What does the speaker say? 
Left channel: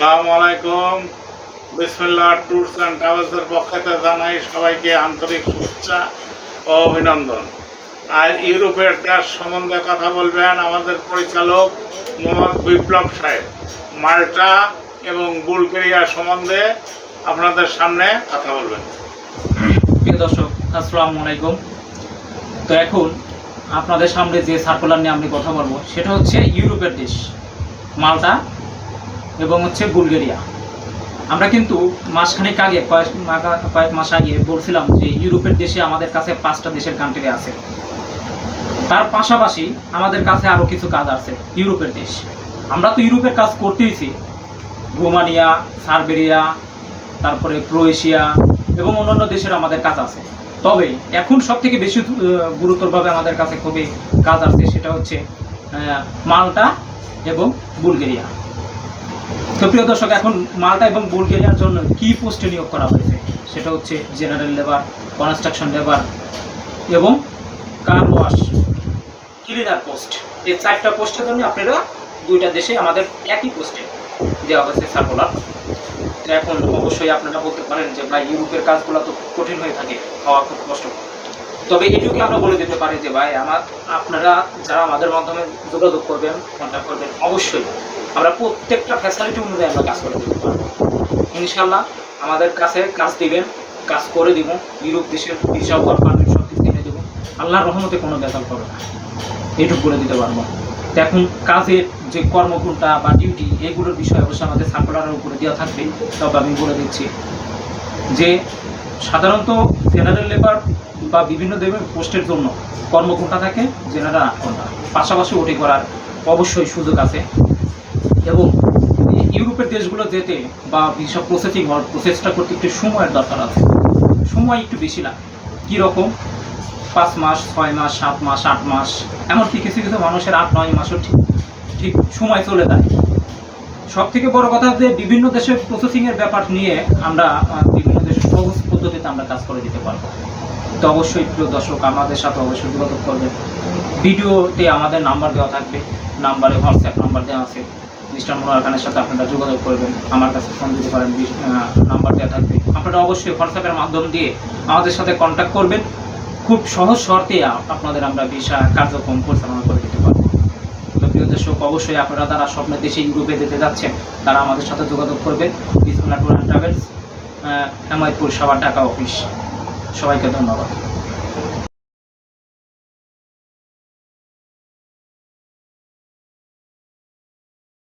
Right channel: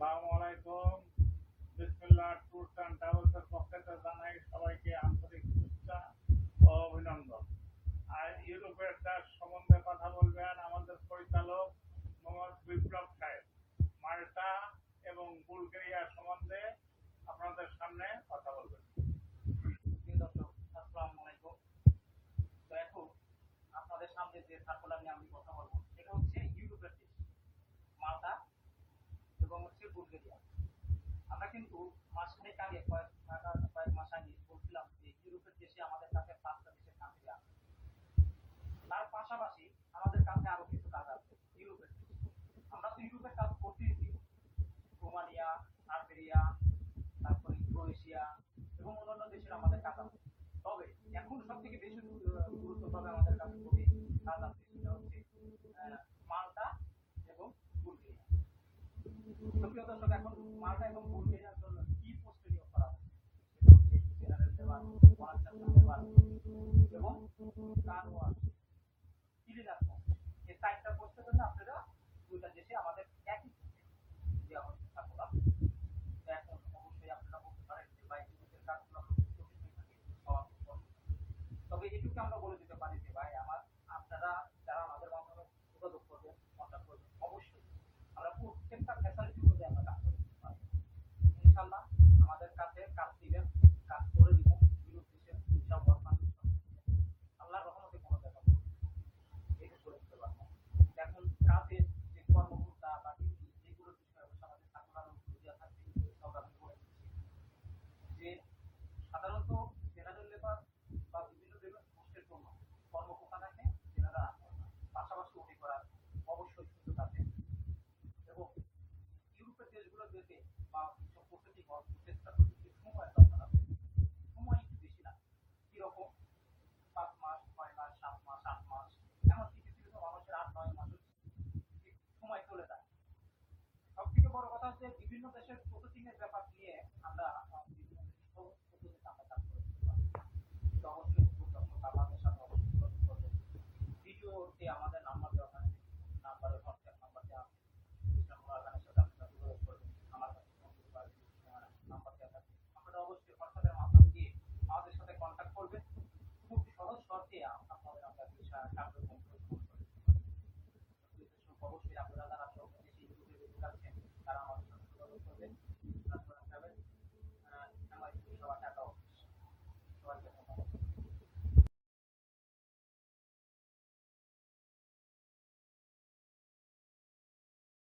আসসালামু আলাইকুম। বিসমিল্লাহ ট্যুরস অ্যান্ড ট্রাভেলসের পক্ষ থেকে জানাই সবাইকে আন্তরিক শুভেচ্ছা ও অভিনন্দন। আর ইউরোপের দেশ সম্বন্ধে কথা বলবেন আমাদের পরিচালক মোহাম্মদ বিপ্লব সাহেব। মাল্টা এবং বুলগেরিয়া সম্বন্ধে আপনাদের সামনে কথা বলবেন। দর্শক, আসসালামু আলাইকুম। তো এখন আপনাদের সামনে যে সার্কুলার নিয়ে আমি কথা বলব, সেটা হচ্ছে ইউরোপের দেশ, মাল্টা এবং হচ্ছে বুলগেরিয়া। আমরা কিন্তু মাসখানেক আগে, কয়েক কয়েক মাস আগে বলছিলাম যে ইউরোপের দেশে আমাদের কাছে পাঁচটা দেশের কান্ট্রি আছে। তার পাশাপাশি আমাদের কাছে আরও কিছু কাজ আছে, ইউরোপের দেশ। আমরা তো ইউরোপের কাজ করতেইছি। রোমানিয়া, সার্বেরিয়া, তারপরে ক্রোয়েশিয়া এবং অন্যান্য দেশের আমাদের কাজ আছে। তবে এখন সব থেকে বেশি গুরুতরভাবে আমাদের কাছে খুবই কাজ আছে সেটা হচ্ছে মাল্টা এবং বুলগেরিয়া। তো প্রিয় দর্শক, এখন মাল্টা এবং বুলগেরিয়ার জন্য কি পোস্টে নিয়োগ করা হয়েছে? সেটা হচ্ছে জেনারেল লেবার কনস্ট্রাকশন লেবার এবং কার ওয়াশ ক্লিনার পোস্ট এই চারটা পোস্টের জন্য আপনারা দুইটা দেশে আমাদের একই পোস্টে দেওয়া হয়েছে সার্কুলার এখন অবশ্যই আপনারা বলতে পারেন যে ভাই, ইউরোপের কাজগুলো তো কঠিন হয়ে থাকে হওয়া খুব কষ্ট। তবে এটুকু আমরা বলে দিতে পারি যে ভাই, আমার আপনারা যারা আমাদের মাধ্যমে যোগাযোগ করবেন কন্ট্যাক্ট করবেন, অবশ্যই আমরা প্রত্যেকটা ফ্যাসিলিটি অনুযায়ী আমরা কাজ করে দিতে পারব। ইনশাল্লাহ আমাদের কাছে কাজ দিবেন, কাজ করে দিব ইউরোপ দেশের ভিসা ওয়ার্ক পারমিট সব কিছু কিনে দেবো। আল্লাহর রহমতে কোনো বেতন পাবে না। এটুকু বলে দিতে পারব। এখন কাজের যে কর্মঘণ্টা বা ডিউটি এগুলোর বিষয়ে অবশ্যই আমাদের সার্কুলারের উপরে দেওয়া থাকবে। তবে আমি বলে দিচ্ছি যে সাধারণত জেনারেল লেবার বা বিভিন্ন দেবের পোস্টের জন্য কর্মঘণ্টা থাকে জেনারেল আট ঘণ্টা পাশাপাশি ওটি করার অবশ্যই সুযোগ আছে। এবং ইউরোপের দেশগুলো যেতে বা ভিসা প্রসেসিং হওয়ার প্রসেসটা করতে একটু সময়ের দরকার আছে। সময় একটু বেশি লাগে। কীরকম? পাঁচ মাস, ছয় মাস, সাত মাস, আট মাস, এমনকি কিছু কিছু মানুষের আট, নয় মাসও ঠিক ঠিক সময় চলে যায়। সব থেকে বড় কথা যে বিভিন্ন দেশের প্রসেসিংয়ের ব্যাপার নিয়ে আমরা বিভিন্ন দেশের সহজ পদ্ধতিতে আমরা কাজ করে দিতে পারব। তো অবশ্যই প্রিয় দর্শক, আমাদের সাথে অবশ্যই যোগাযোগ করবেন। ভিডিওতে আমাদের নাম্বার দেওয়া থাকবে। নাম্বারে হোয়াটসঅ্যাপ নাম্বার দেওয়া আছে। মিস্টার মোনার খানের সাথে আপনারা যোগাযোগ করবেন, আমার কাছে ফোন দিতে পারেন নাম্বার দেওয়া থাকবে। আপনারা অবশ্যই হোয়াটসঅ্যাপের মাধ্যম দিয়ে আমাদের সাথে কন্ট্যাক্ট করবেন। খুব সহজ শর্তে আপনাদের আমরা ভিসা কার্যক্রম পরিচালনা করে দিতে পারব। প্রিয় দর্শক, অবশ্যই আপনারা যারা স্বপ্নের দেশে ইউরোপে যেতে যাচ্ছেন, তারা আমাদের সাথে যোগাযোগ করবেন। বিসমুল্লাহ ট্যুর অ্যান্ড ট্রাভেলস এমআইপুর সাবার ঢাকা অফিস সবাইকে ধন্যবাদ।